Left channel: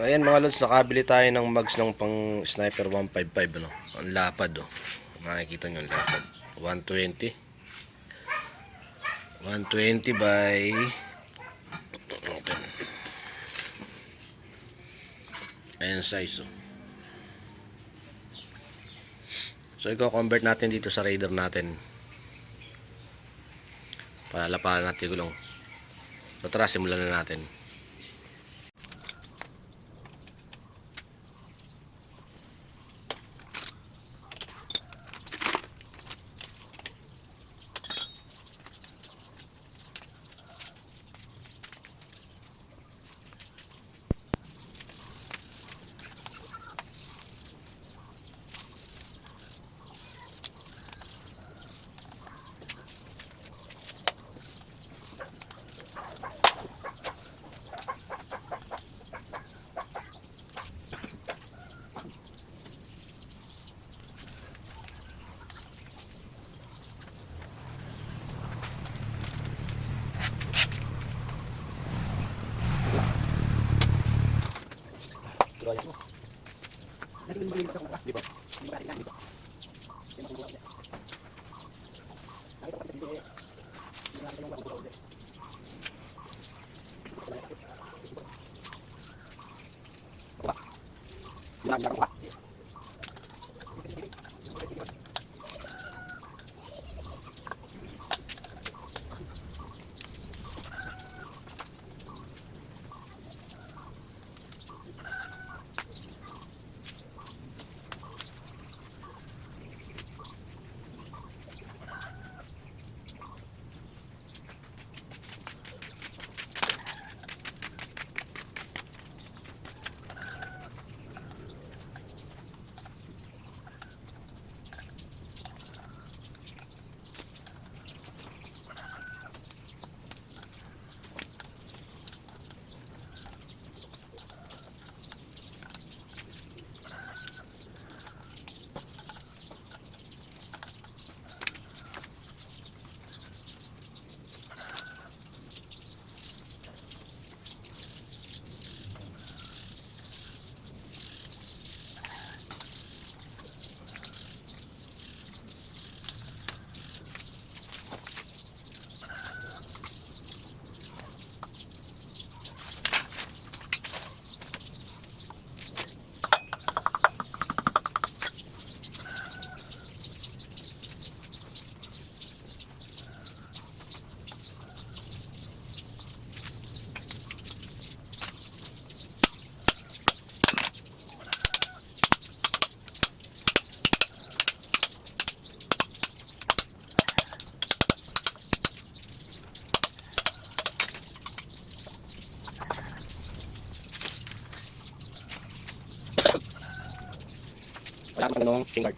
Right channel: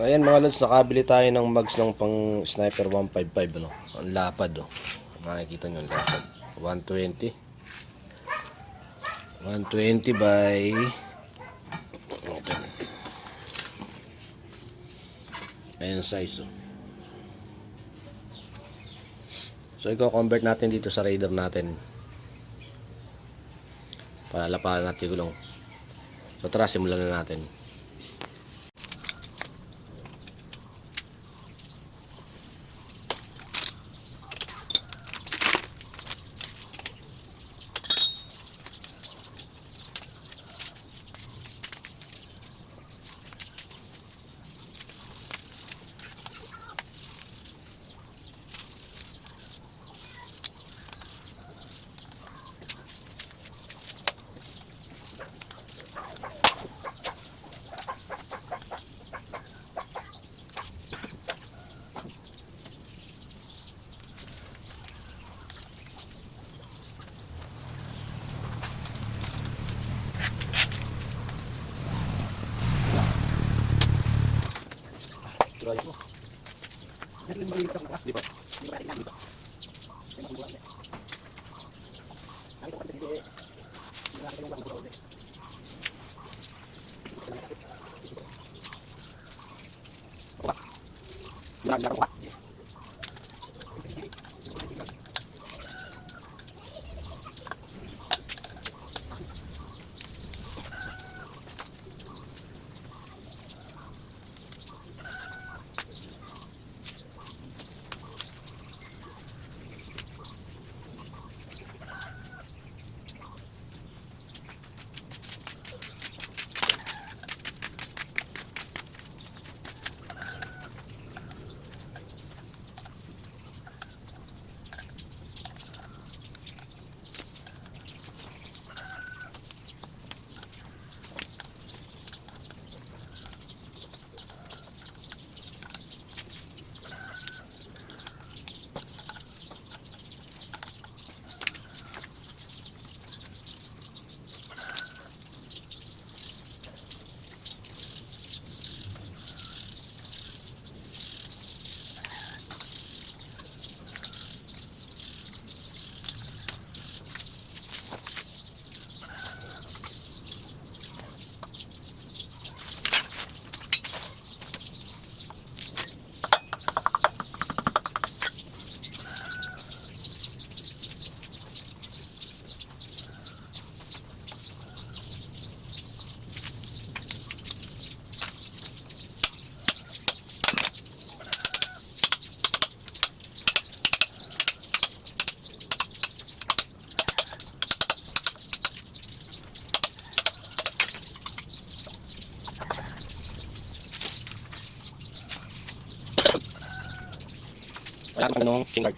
Ayan mga lods, nakabili tayo ng mags ng pang sniper 155 ano. Ang lapad oh. Makikita nyo ang lapad. 120. 120 by ito. Ayan size oh. So i-convert natin dito sa Raider natin. Palalapalan natin yung gulong. So tara, simulan na natin. Di ba? Wala kang tanong, singard.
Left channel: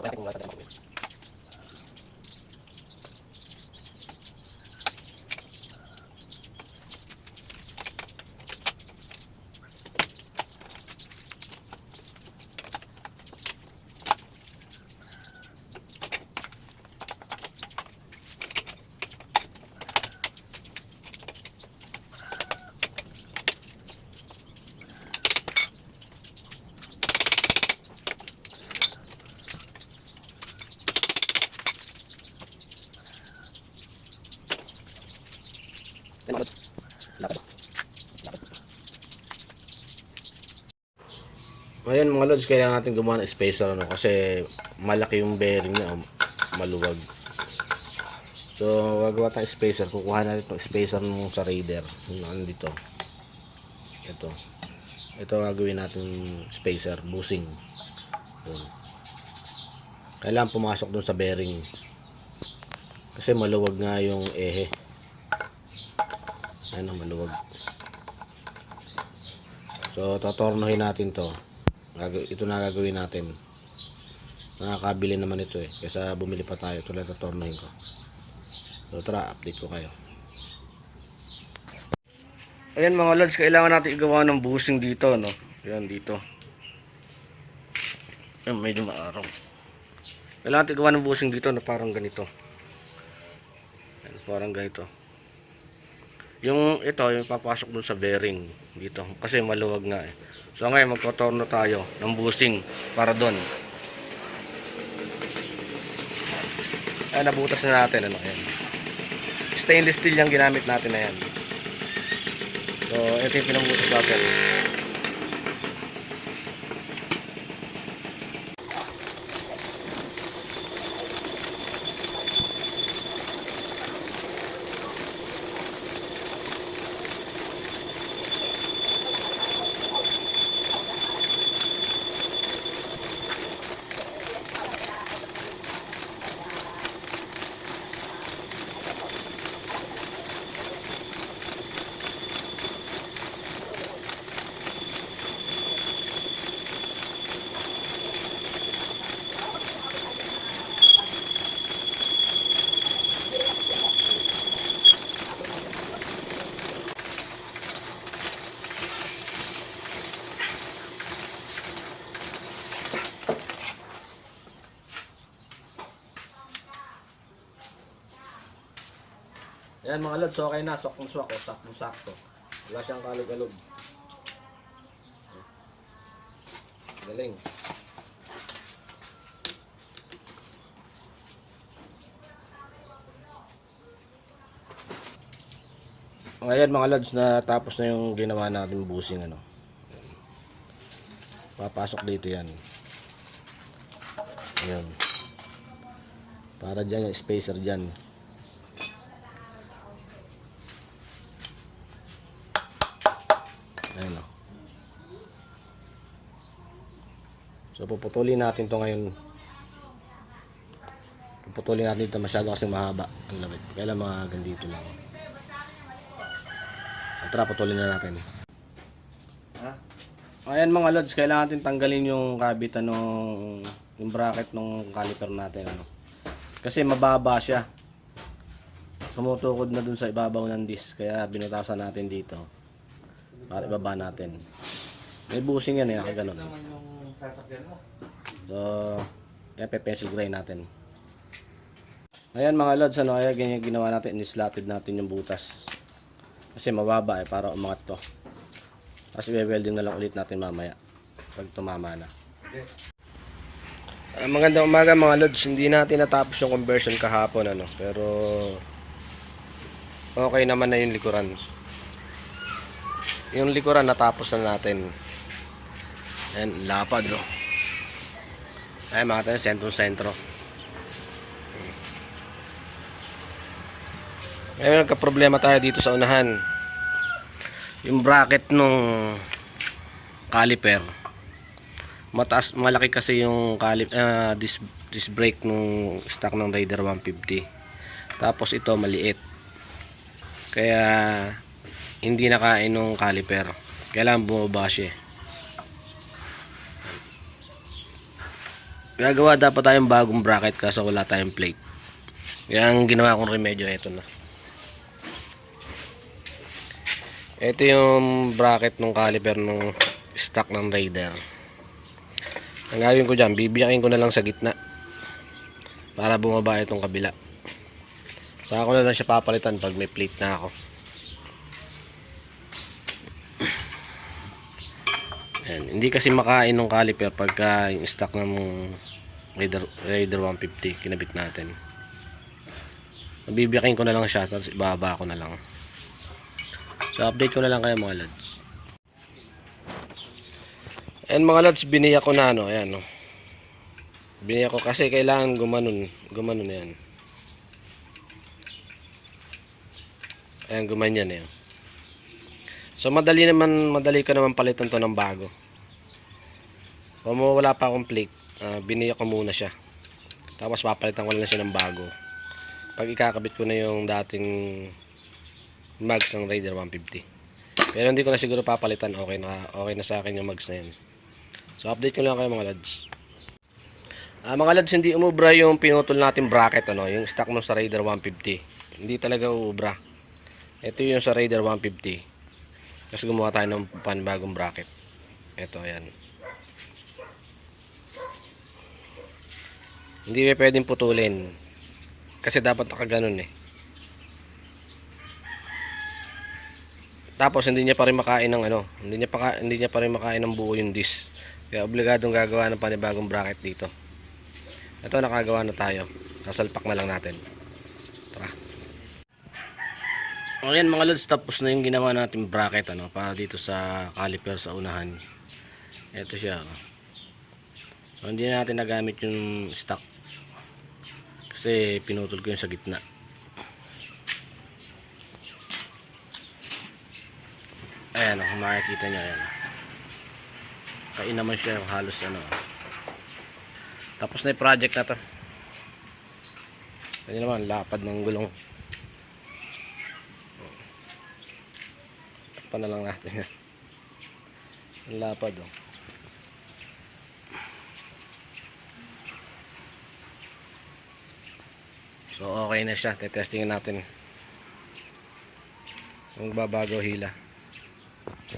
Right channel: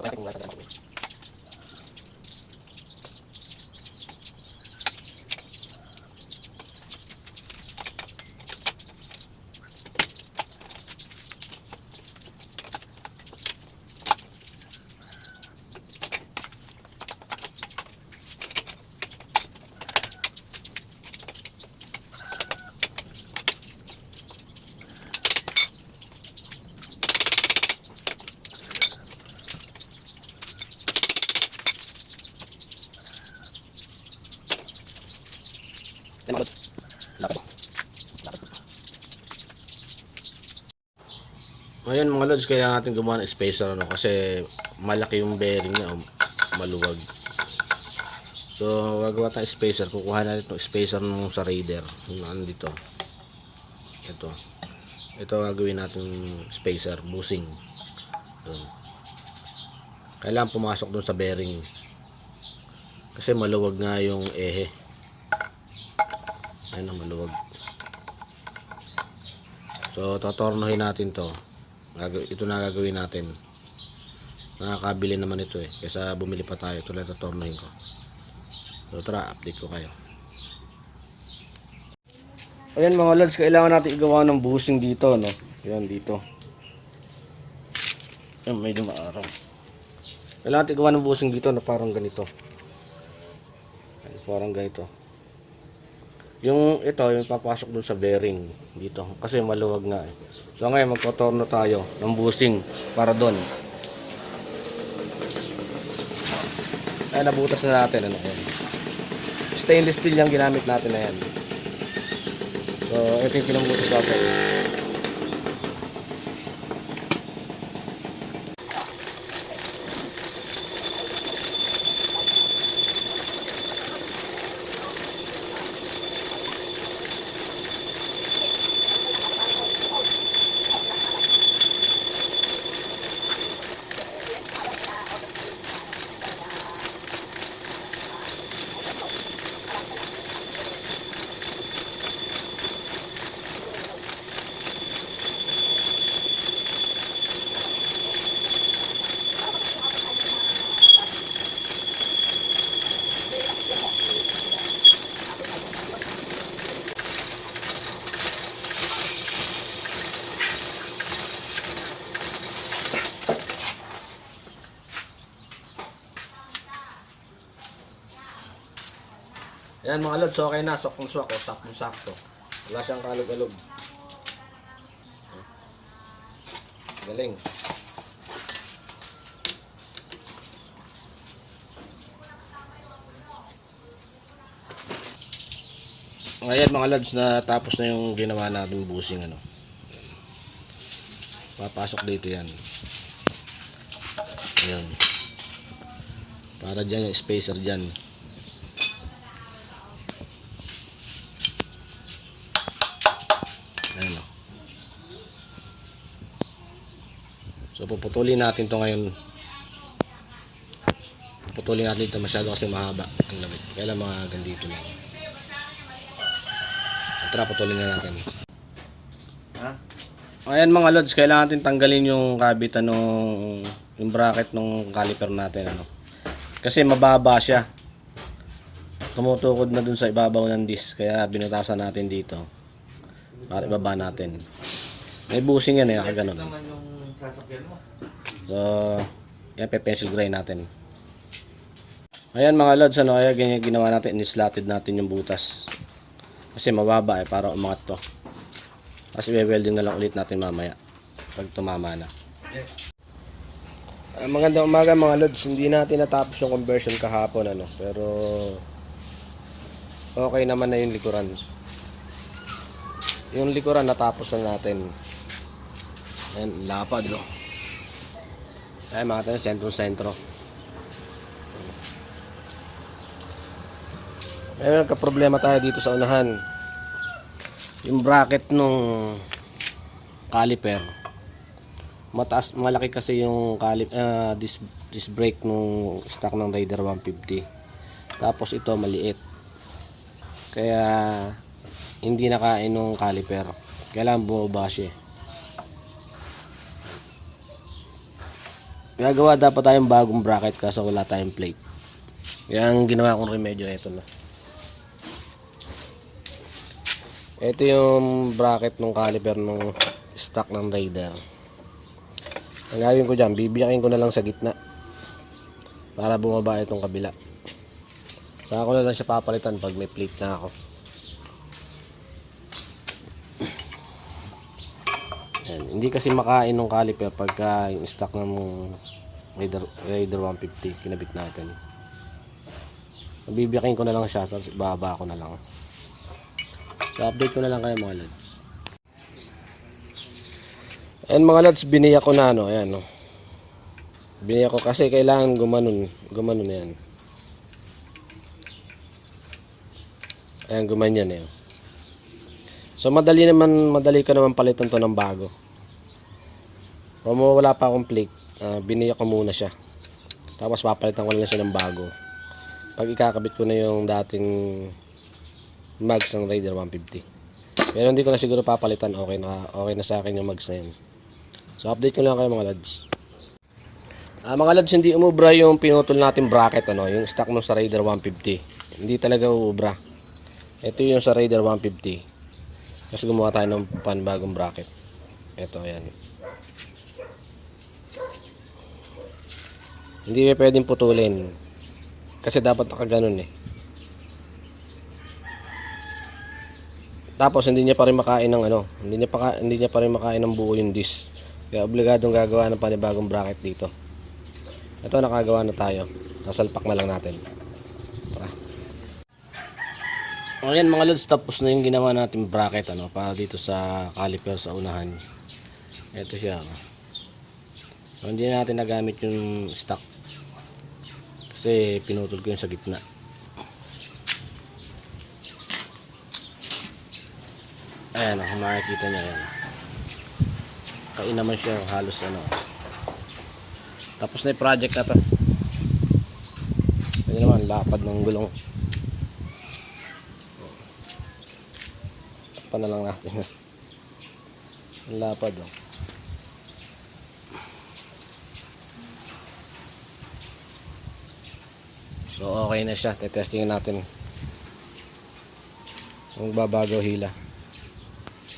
Wala kang wala tanong. Ayan mga lods, kailangan natin gumawa ng spacer ano, kasi malaki yung bearing niya, maluwag. So gagawa tayong spacer, kukuha natin itong spacer nung sa Raider, yung nandito. Ito gagawin natin spacer, bushing. Doon. Kailangan pumasok doon sa bearing. Kasi maluwag nga yung ehe. Ayun ang maluwag. So totornohin natin to. Ito na gagawin natin. Nakakabili naman ito eh, kaysa bumili pa tayo. Ito lang totornohin ko. So tara, update ko kayo. Ayan mga lods, kailangan natin igawa ng bushing dito, no? Ayan dito. Ayan, medyo maaraw. Kailangan natin igawa ng bushing dito na parang ganito. Ayan, parang ganito. Yung ito, yung papasok dun sa bearing dito. Kasi maluwag nga eh. So ngayon, magtotorno tayo ng bushing para dun. Ayan, nabutas na natin, ano, ayan. Stainless steel yung ginamit natin na yan. So, ito yung pinambutas natin. Ayan mga lods, okay na. Swak-swak o sakto-sakto. Wala siyang kalog-alog. Galing. Ngayon mga lods, natapos na yung ginawa natin bushing, ano. Papasok dito yan. Ayan. Para dyan yung spacer dyan. Ayan o. So puputulin natin to ngayon. Puputulin natin ito, masyado kasi mahaba ang lamit. Kailan mga gandito lang. Tara, putulin na natin. Ayan mga lods, kailangan natin tanggalin yung kabitan ng yung bracket ng caliper natin, ano. Kasi mababa siya. Tumutukod na dun sa ibabaw ng disc, kaya binutasan natin dito para ibaba natin. May bushing yan eh, nakaganon. So, yan, pe-pencil grind natin. Ayan mga lods, ano, kaya ganyan ginawa natin, in-slotted natin yung butas. Kasi mababa eh, para umangat to. Kasi welding na lang ulit natin mamaya pag tumama na. Magandang umaga mga lods, hindi natin natapos yung conversion kahapon, ano, pero okay naman na yung likuran. Yung likuran natapos na natin. Ayan, lapad, no. Ayan mga tayo, sentro-sentro. Ngayon nagka-problema tayo dito sa unahan. Yung bracket nung caliper, mataas, malaki kasi yung disc brake nung stock ng Raider 150. Tapos ito maliit. Kaya hindi nakain nung caliper. Kailangan bumaba siya. Gagawa dapat tayong bagong bracket kaso wala tayong plate. Kaya ang ginawa kong remedyo, ito na. Ito yung bracket ng caliper ng stock ng Raider. Ang gawin ko dyan, bibiyakin ko na lang sa gitna para bumaba itong kabila. Saka ko na lang siya papalitan pag may plate na ako. Ayan. Hindi kasi makain ng caliper pagka yung stock ng Raider 150 kinabit natin. Bibiyakin ko na lang siya, tapos ibaba ko na lang. So update ko na lang kayo mga lods. Ayan mga lods, biniyak ko na, ano, ayan, no. Biniyak ko kasi kailangan gumanon na yan. Ayan, gumanyan yan. So madali ka naman palitan to ng bago. Kung wala pa akong plate, biniyak ko muna siya. Tapos papalitan ko na lang siya ng bago. Pag ikakabit ko na yung dating mags ng Raider 150. Pero hindi ko na siguro papalitan, okay na sa akin yung mags na yan. So update ko lang kayo mga lads. Mga lads, hindi umubra yung pinutol natin bracket, ano, yung stock mo sa Raider 150. Hindi talaga uubra. Ito yung sa Raider 150. Tapos gumawa tayo ng panibagong bracket. Ito, ayan. Hindi may pwedeng putulin. Kasi dapat nakaganon eh. Tapos hindi niya pa rin makain ng ano, hindi niya pa rin makain ng buo yung disc. Kaya obligadong gagawa ng panibagong bracket dito. Ito, nakagawa na tayo. Nasalpak na lang natin. Tara. Ayan mga lods, tapos na yung ginawa natin bracket ano, para dito sa caliper sa unahan. Ito siya. So, hindi na natin nagamit yung stock. Kasi pinutol ko yung sa gitna. Ayan o, kung makikita nyo, ayan. Kain naman siya yung halos ano. Tapos na yung project na to. Pwede naman, lapad ng gulong. Takpan na lang natin yan. Ang lapad o. So okay na siya, tetestingin natin kung babago hila.